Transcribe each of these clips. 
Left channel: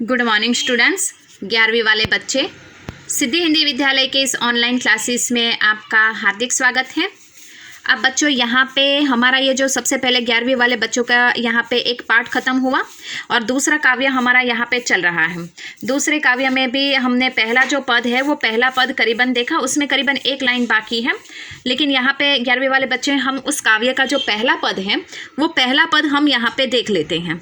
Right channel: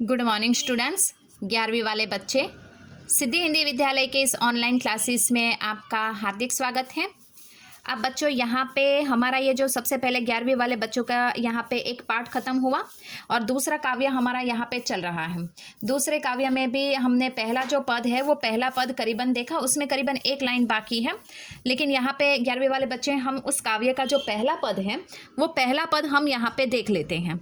Good morning students. 11वीं वाले बच्चे, सिद्धि हिंदी विद्यालय के इस ऑनलाइन क्लासेस में आपका हार्दिक स्वागत है। अब बच्चों, यहाँ पे हमारा ये जो सबसे पहले 11वीं वाले बच्चों का यहाँ पे एक पार्ट ख़त्म हुआ और दूसरा काव्य हमारा यहाँ पे चल रहा है। दूसरे काव्य में भी हमने पहला जो पद है वो पहला पद करीबन देखा, उसमें करीबन एक लाइन बाकी है। लेकिन यहाँ पे 11वीं वाले बच्चे, हम उस काव्य का जो पहला पद है वो पहला पद हम यहाँ पे देख लेते हैं।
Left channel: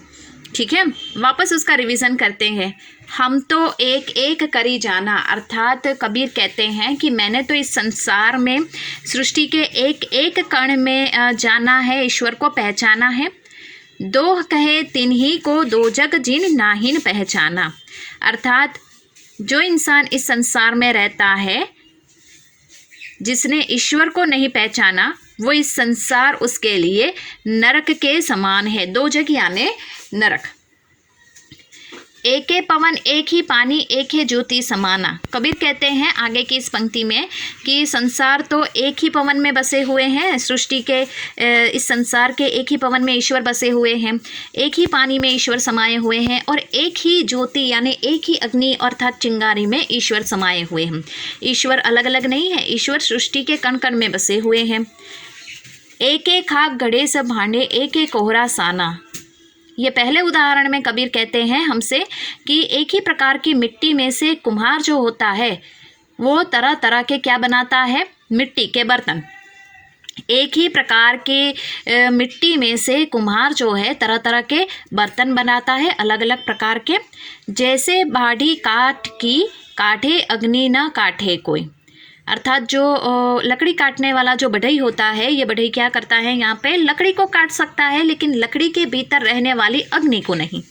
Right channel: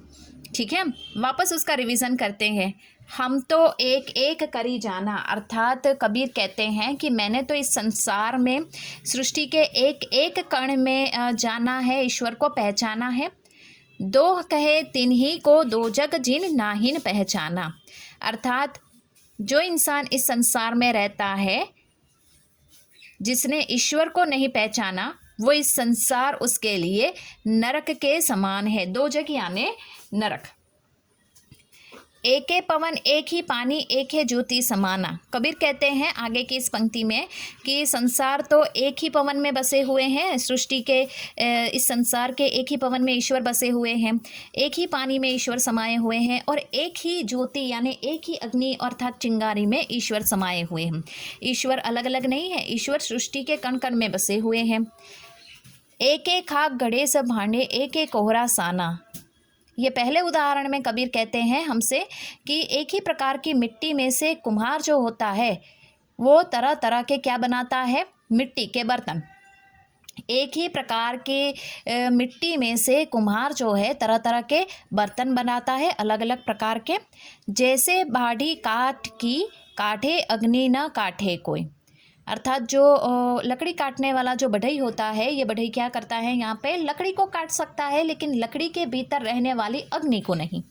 ठीक है, वापस उसका रिवीजन करते हैं। हम तो एक एक करी जाना, अर्थात कबीर कहते हैं कि मैंने तो इस संसार में सृष्टि के एक एक कण में जाना है, ईश्वर को पहचाना है। दो कहे तिन्ही को दो जग जिन नाहिन पहचाना, अर्थात जो इंसान इस संसार में रहता है, जिसने ईश्वर को नहीं पहचाना, वो इस संसार उसके लिए नरक के समान है। दो जग यानी नरक। एक पवन एक ही पानी एक है ज्योति समाना। कबीर कहते हैं आगे की इस पंक्ति में कि संसार तो एक ही पवन में बसे हुए हैं, सृष्टि के इस संसार के एक ही पवन में ईश्वर बसे हुए हैं, एक ही पानी में ईश्वर समाये हुए हैं और एक ही ज्योति यानी एक ही अग्नि अर्थात चिंगारी में ईश्वर समाये हुए हैं। ईश्वर अलग अलग नहीं है, ईश्वर सृष्टि के कण कण में बसे हुए हैं। एक एक खाक गढ़े सब भांडे एक एक कोहरा साना। ये पहले उदाहरण में कबीर कहते हैं हमसे कि एक ही प्रकार की मिट्टी में से कुम्हार जो होता है वो तरह तरह के क्या बनाता है, मिट्टी के बर्तन। एक ही प्रकार के मिट्टी में से कुम्हार जो है तरह तरह के बर्तन बनाता है, अलग अलग प्रकार के। जैसे बाढ़ी काठ की काठे अग्नि न काठे कोई, अर्थात जो लकड़ी काटने वाला जो बढ़ई होता है, ये बढ़ई क्या करता है, यहाँ पे लकड़ी को काट सकता है लेकिन लकड़ी के भीतर रहने वाली अग्नि को नहीं।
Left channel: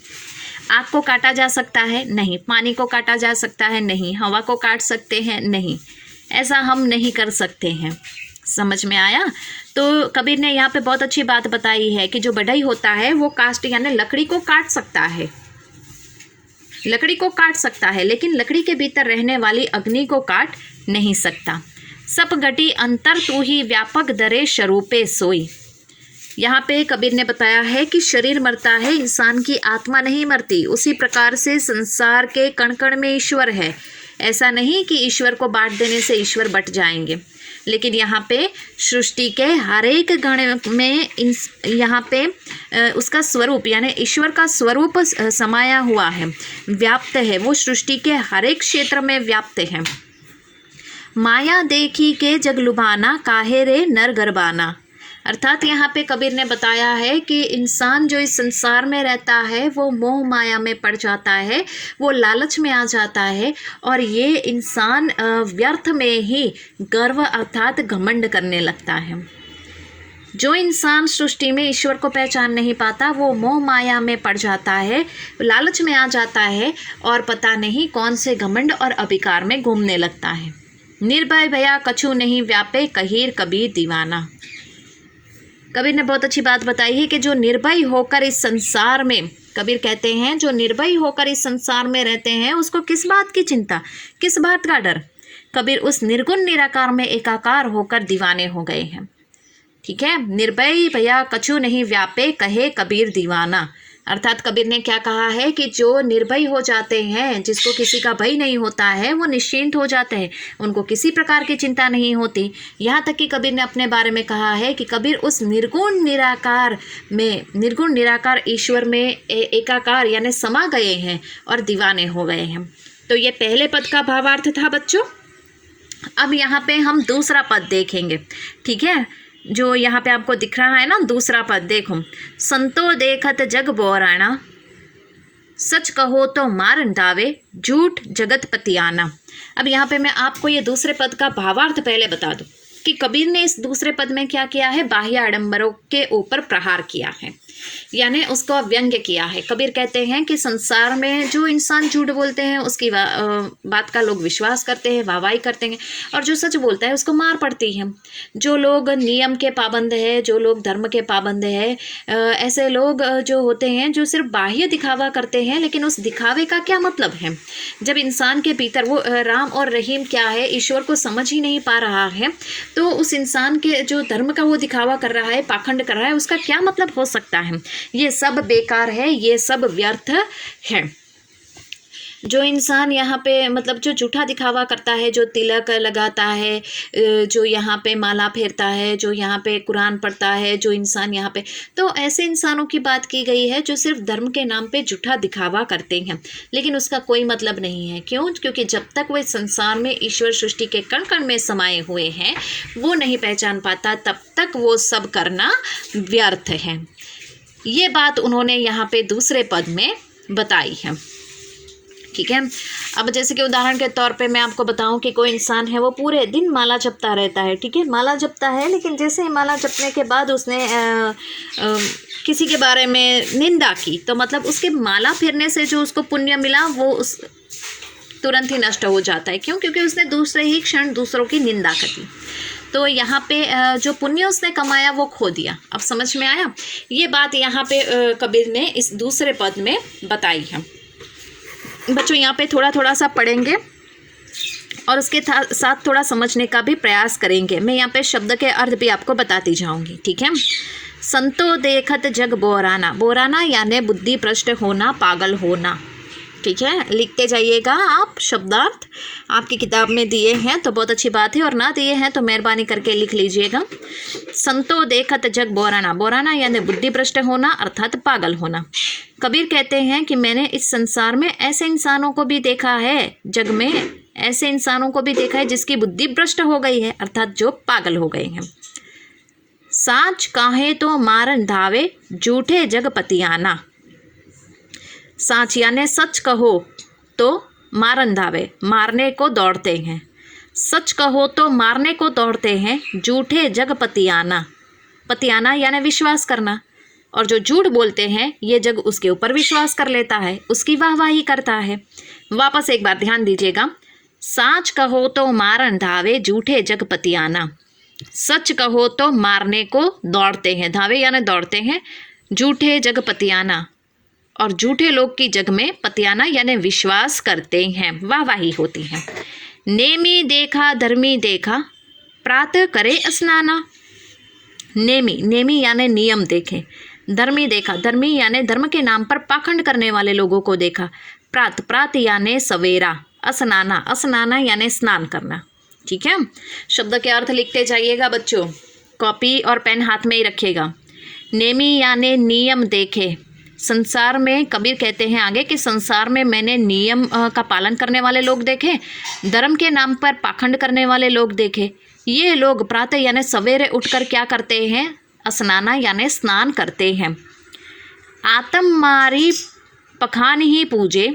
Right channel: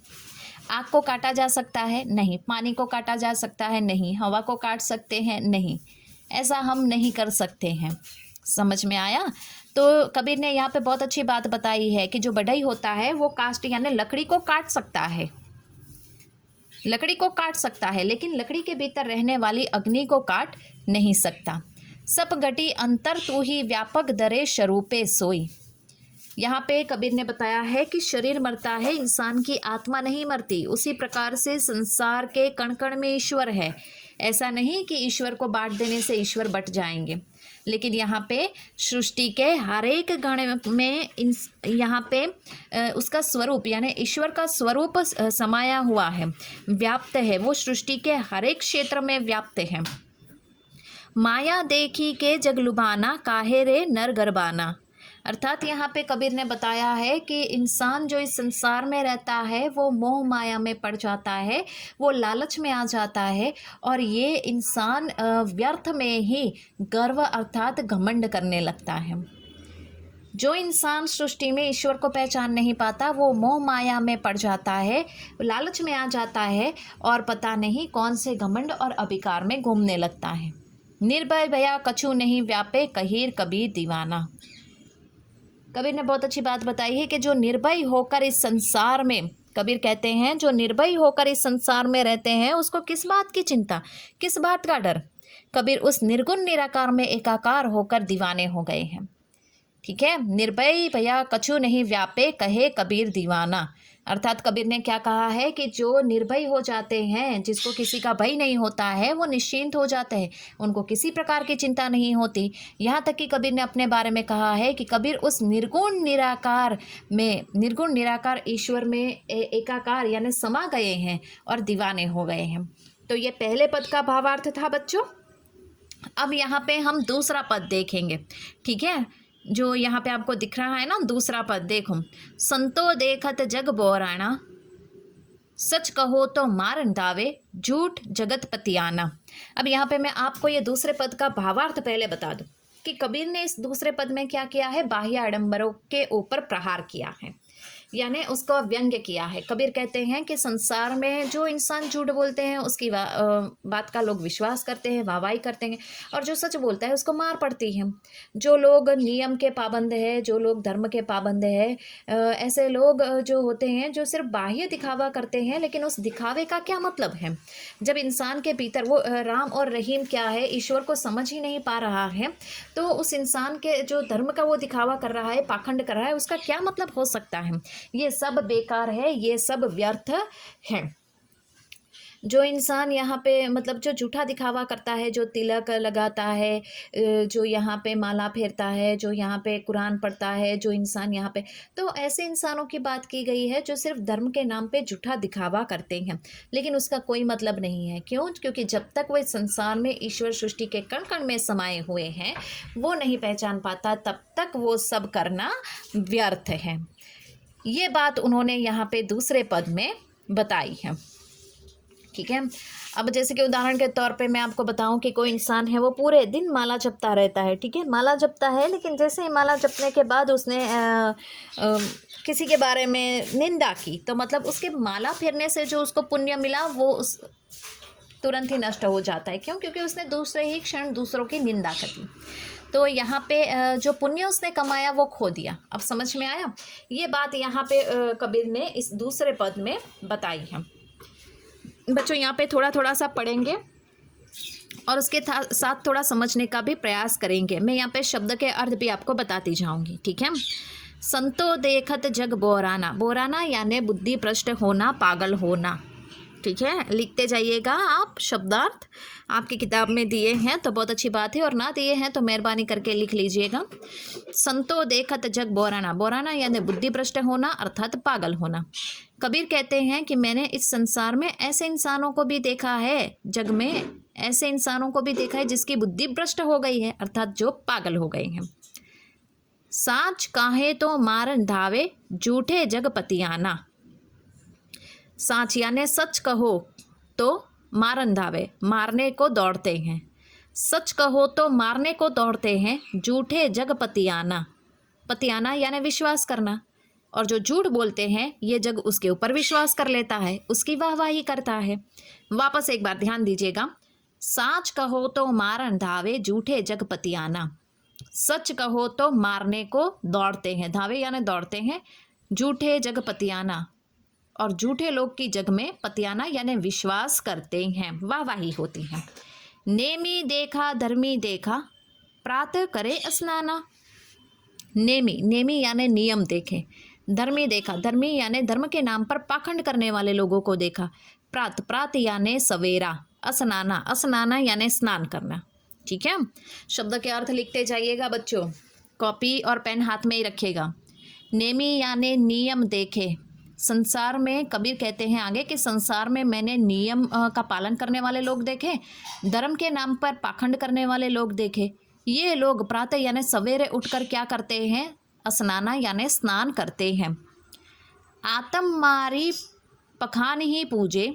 आग को काटा जा सकता है? नहीं। पानी को काटा जा सकता है? नहीं। हवा को काट सकते हैं? नहीं। ऐसा हम नहीं कर सकते हैं। समझ में आया? तो कबीर ने यहाँ पे बहुत अच्छी बात बताई है कि जो बढ़ई होता है वो कास्ट यानी लकड़ी को काट सकता है, लकड़ी को काट सकता है लेकिन लकड़ी के भीतर रहने वाली अग्नि को काट नहीं सकता। सप घटी अंतर तू ही व्यापक दरे स्वरूपे सोई। यहाँ पे कबीर ने बताया है कि शरीर मरता है, इंसान की आत्मा नहीं मरती। उसी प्रकार से संसार के कण कण में ईश्वर है। ऐसा नहीं कि ईश्वर को बांट देने से ईश्वर बट जाएंगे, लेकिन यहाँ पे सृष्टि के हर एक गण में यहाँ पे उसका स्वरूप यानी ईश्वर का स्वरूप समाया हुआ है, व्याप्त है। वो सृष्टि के हर एक क्षेत्र में व्याप्त है। माया देखी के जग लुभाना काहे रे नर गरबाना, अर्थात यहाँ पे कबीर ने बताया है कि इंसान जो इस संसार में रहता है वो मोह माया में पड़ जाता है, वो लालच में आ जाता है और ये इंसान व्यर्थ में ही गर्व अर्थात घमंड करने लगता है। जो इंसान सृष्टि में ईश्वर को पहचान नहीं पाता वो मोह माया में पड़ जाता है, लालच में आ जाता है और पता नहीं कौन से घमंड और अभिकार में घूमने लगता है। निर्भय भया कछु नहीं व्यापे कहीर कबीर दीवाना। कबीर ने बहुत अच्छी बात बताई है कि जो निर्भय होकर इस संसार में, कबीर कहते हैं जो निर्भय होकर इस संसार में रहते हैं उसको किस बात की चिंता, किस बात का डर। कबीर उस निर्गुण निराकार में एकाकार होकर दीवाने हो गए हैं। ठीक है, निर्भय भया कछु नहीं व्यापे कहे कबीर दीवाना, अर्थात कबीर ने क्या कहा है कि जो निर्भय हो जाते हैं, जिसको किसी का भय नहीं होता है, वो निश्चिंत हो जाते हैं, उनको किसी प्रकार की चिंता नहीं होती। यहाँ तक कि कबीर ने अपने बारे में कहा है कि कबीर उस निर्गुण निराकार में, निर्गुण निराकार ईश्वर में एकाकार यानी समा गए हैं और दीवाने हो गए हैं। तो ये पहले पद का भावार्थ था बच्चों। अब यहाँ पे हम दूसरा पद देखेंगे। ठीक है, जो यहाँ पे आपको दिख रहा है ना, दूसरा पद देखो। संतो देखत जग बोराना, सच कहो तो मार दावे झूठ जगत पतियाना। अब यहाँ पे मैं आपको ये दूसरे पद का भावार्थ पहले बता दूं कि कबीर ने इस दूसरे पद में क्या किया है, बाह्य आडंबरों के ऊपर प्रहार किया है, यानी उसको व्यंग्य किया है। कबीर कहते हैं कि संसार में जो इंसान झूठ बोलते हैं उसकी बात का लोग विश्वास करते हैं, वाहवाही करते हैं, और जो सच बोलता है उसको मार पड़ती है। जो लोग नियम के पाबंद है, जो लोग धर्म के पाबंद है, ऐसे लोग जो होते हैं जो सिर्फ बाह्य दिखावा करते हैं, लेकिन उस दिखावे का क्या मतलब है। जब इंसान के भीतर वो राम और रहीम क्या है, ईश्वर को समझ ही नहीं पा रहा है, तो उस इंसान के जो धर्म का वो दिखावा कर रहा है, पाखंड कर रहा है, उसका क्या मतलब हो सकता है। ये सब बेकार है, ये सब व्यर्थ है। जो इंसान यहाँ पे मतलब जो झूठा दिखावा करता है, जो तिलक लगाता है, जो यहाँ पे माला फेरता है, जो यहाँ पे कुरान पढ़ता है, जो इंसान यहाँ पे, तो ऐसे इंसानों की बात की गई है जो सिर्फ धर्म के नाम पे झूठा दिखावा करते हैं, लेकिन उसका कोई मतलब नहीं है। क्यों? क्योंकि जब तक वो इस संसार में ईश्वर सृष्टि के कण कण में समाये हुए हैं, वो नहीं पहचान पाता, तब तक वो सब करना व्यर्थ है। ये बात उन्होंने यहाँ पे दूसरे पद में बताई है। ठीक है। अब जैसे कि उदाहरण के तौर पे मैं आपको बताऊं कि कोई इंसान है, वो पूरे दिन माला जपता रहता है। ठीक है, माला जपता है, लेकिन जैसे ही माला जपने के बाद उसने किसी के बारे में निंदा की, तो मतलब उसके माला फेरने से जो उसको पुण्य मिला वो उस तुरंत ही नष्ट हो जाता है। क्यों? क्योंकि उसने दूसरे ही क्षण दूसरों की निंदा कर दी। तो यहाँ पे जो पुण्य उसने कमाया वो खो दिया। अब समझ में आया? ये बात यहाँ पे कबीर ने इस दूसरे पद में बताई है। बच्चों यहाँ पे थोड़ा सा पढ़ेंगे और उसके साथ थोड़ा समझने का भी प्रयास करेंगे। मैं यहाँ पे शब्द के अर्थ भी आपको बताती जाऊँगी। ठीक है। संतो देखत जग बोराना, बोराना यानी बुद्धि भ्रष्ट होना, पागल होना। ठीक है, लिखते जाइएगा आप। शब्दार्थ आपकी किताब में दिए हैं तो बहुत अच्छी बात है, और ना दिए हैं तो मेहरबानी करके लिख लीजिएगा। संतो देखत जग बोराना, बोराना यानी बुद्धि भ्रष्ट होना अर्थात पागल होना। कबीर कहते हैं कि मैंने इस संसार में ऐसे इंसानों को भी देखा है, जग में ऐसे इंसानों को भी देखा है जिसकी बुद्धि भ्रष्ट हो गई है, अर्थात जो पागल हो गए हैं। साच काहे तो मारन धावे, झूठे जग पतियाना। साच यानी सच कहो तो मारन धावे, मारने को दौड़ते हैं। सच कहो तो मारने को दौड़ते हैं। झूठे जग पतियाना, पतियाना यानी विश्वास करना, और जो झूठ बोलते हैं ये जग उसके ऊपर विश्वास कर लेता है, उसकी वाहवाही करता है। वापस एक बार ध्यान दीजिएगा। साच कहो तो मारन धावे, झूठे जग पतियाना। सच कहो तो मारने को दौड़ते हैं, धावे यानी दौड़ते हैं। झूठे जग पतियाना, और झूठे लोग की जग में पतियाना यानी विश्वास करते हैं, वाहवाही होती है। नेमी देखा धर्मी देखा, प्रातः करे स्नाना। नेमी, नेमी यानी नियम देखे। धर्मी देखा, धर्मी यानी धर्म के नाम पर पाखंड करने वाले लोगों को देखा। प्रात, प्रात यानी सवेरा। स्नाना, स्नाना यानी स्नान करना। ठीक है, शब्द के अर्थ लिखते जाइएगा बच्चों, कॉपी और पेन हाथ में ही रखिएगा। नेमी यानी नियम देखे। संसार में कबीर कहते हैं आगे कि संसार में मैंने नियम का पालन करने वाले लोग देखे, धर्म के नाम पर पाखंड करने वाले लोग देखे। ये लोग प्रातः यानी सवेरे उठकर क्या करते हैं? स्नाना यानी स्नान करते हैं। आत्म मारी पखान ही पूजे,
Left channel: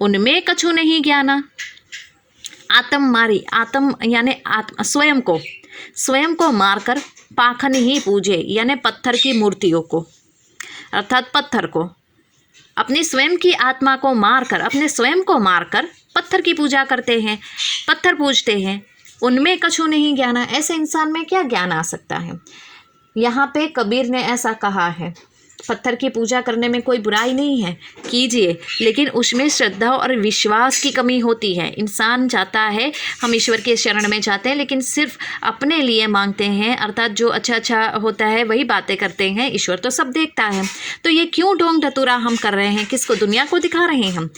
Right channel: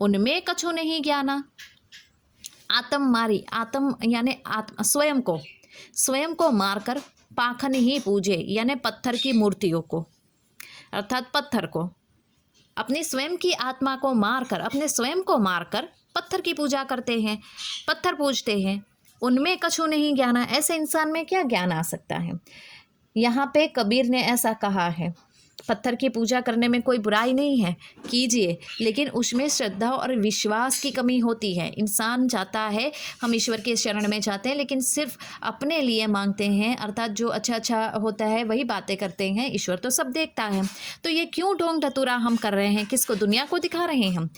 उनमें कछु नहीं ज्ञाना। आत्म मारी, आत्म यानी स्वयं को मारकर पाखन ही पूजे यानी पत्थर की मूर्तियों को, अर्थात पत्थर को, अपनी स्वयं की आत्मा को मारकर, अपने स्वयं को मारकर पत्थर की पूजा करते हैं, पत्थर पूजते हैं। उनमें कछु नहीं ज्ञान, ऐसे इंसान में क्या ज्ञान आ सकता है? यहाँ पे कबीर ने ऐसा कहा है। पत्थर की पूजा करने में कोई बुराई नहीं है, कीजिए, लेकिन उसमें श्रद्धा और विश्वास की कमी होती है। इंसान चाहता है, हम ईश्वर के शरण में जाते हैं, लेकिन सिर्फ अपने लिए मांगते हैं, अर्थात जो अच्छा होता है वही बातें करते हैं। ईश्वर तो सब देखता है, तो ये क्यों ढोंग ढतूरा हम कर रहे हैं? किसको? दुनिया को दिखा रहे हैं हम।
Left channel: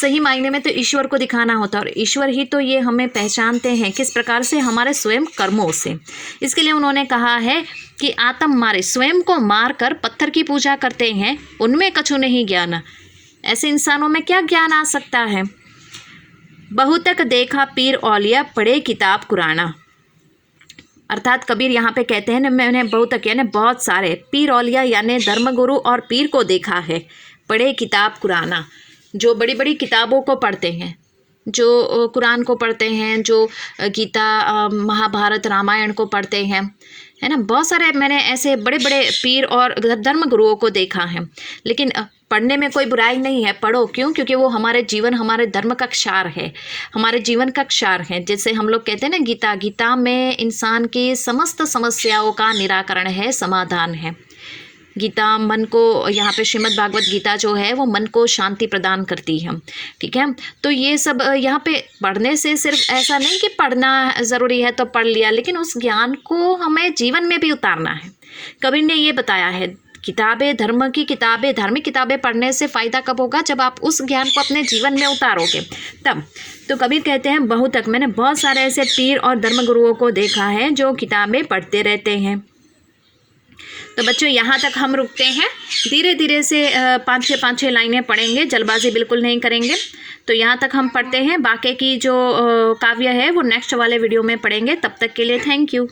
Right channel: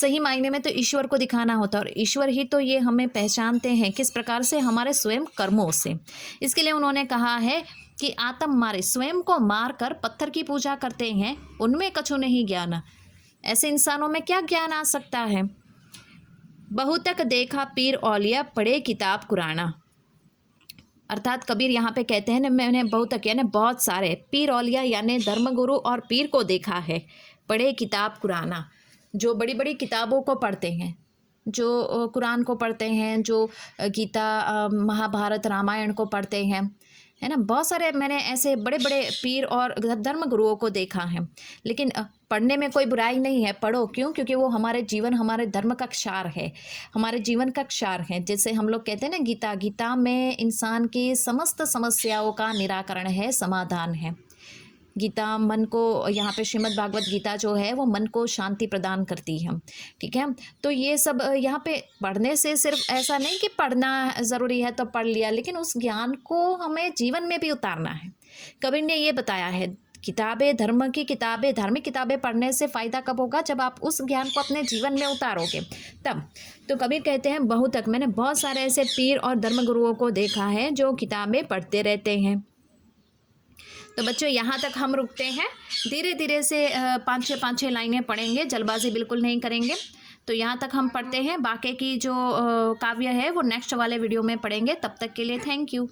सही मायने में तो ईश्वर को दिखाना होता है, और ईश्वर ही तो ये हमें पहचानते हैं किस प्रकार से, हमारे स्वयं कर्मों से। इसके लिए उन्होंने कहा है कि आत्म मारे, स्वयं को मार कर पत्थर की पूजा करते हैं, उनमें कछु नहीं ज्ञान। ऐसे इंसानों में क्या ज्ञान आ सकता है? बहुतक देखा पीर औलिया, पढ़े किताब कुराना। अर्थात कबीर यहाँ पे कहते हैं ना, मैंने बहुतक यानी बहुत सारे, पीर औलिया यानी धर्मगुरु और पीर को देखा है, पढ़े किताब कुराना, जो बड़ी बड़ी किताबों को पढ़ते हैं, जो कुरान को पढ़ते हैं, जो गीता, महाभारत, रामायण को पढ़ते हैं, है ना। बहुत सारे मैंने ऐसे बड़े बड़े पीर और धर्म गुरुओं को देखा है। लेकिन पढ़ने में कोई बुराई नहीं है, पढ़ो। क्यों? क्योंकि वो हमारे जीवन, हमारे धर्म का क्षार है, हमारे जीवन का क्षार है। जैसे हम लोग कहते हैं ना, गीता, गीता में इंसान की समस्त समस्याओं का निराकरण है, समाधान है। गीता मन को, यहाँ पे श्रीमद् भागवत गीता जो है वो मन को शांति प्रदान करती है। ठीक है, तो ये सब यहाँ पे पढ़ने से सिर्फ ऐसा नहीं कि पढ़ना ज़रूरी है तो पढ़ लिया, लेकिन उस ज्ञान को हमें जीवन में भी उतारना है। कबीर ने ये बताया है किताबें, धर्म की किताबें, धार्मिक किताबें पढ़ने से फ़ायदा कब होगा? जब आप उस ज्ञान को अपने जीवन में उतारोगे तब। तो कबीर कहते हैं बहुतक, मैंने बहुत सारे ऐसे पीर और धर्मगुरुओं को देखा है जो किताबें पढ़ते रहते हैं। तो बच्चों यहाँ तक हम रुकते हैं, धीरे धीरे से 5-6 लाइनें पढ़ेंगे, जल्दबाजी बिल्कुल नहीं करेंगे। तो यहाँ तक हम पढ़ते हैं, बाकी की जो काव्य है वो नेक्स्ट वाले वीडियो में पढ़ेंगे। तब तक के लिए थैंक यू।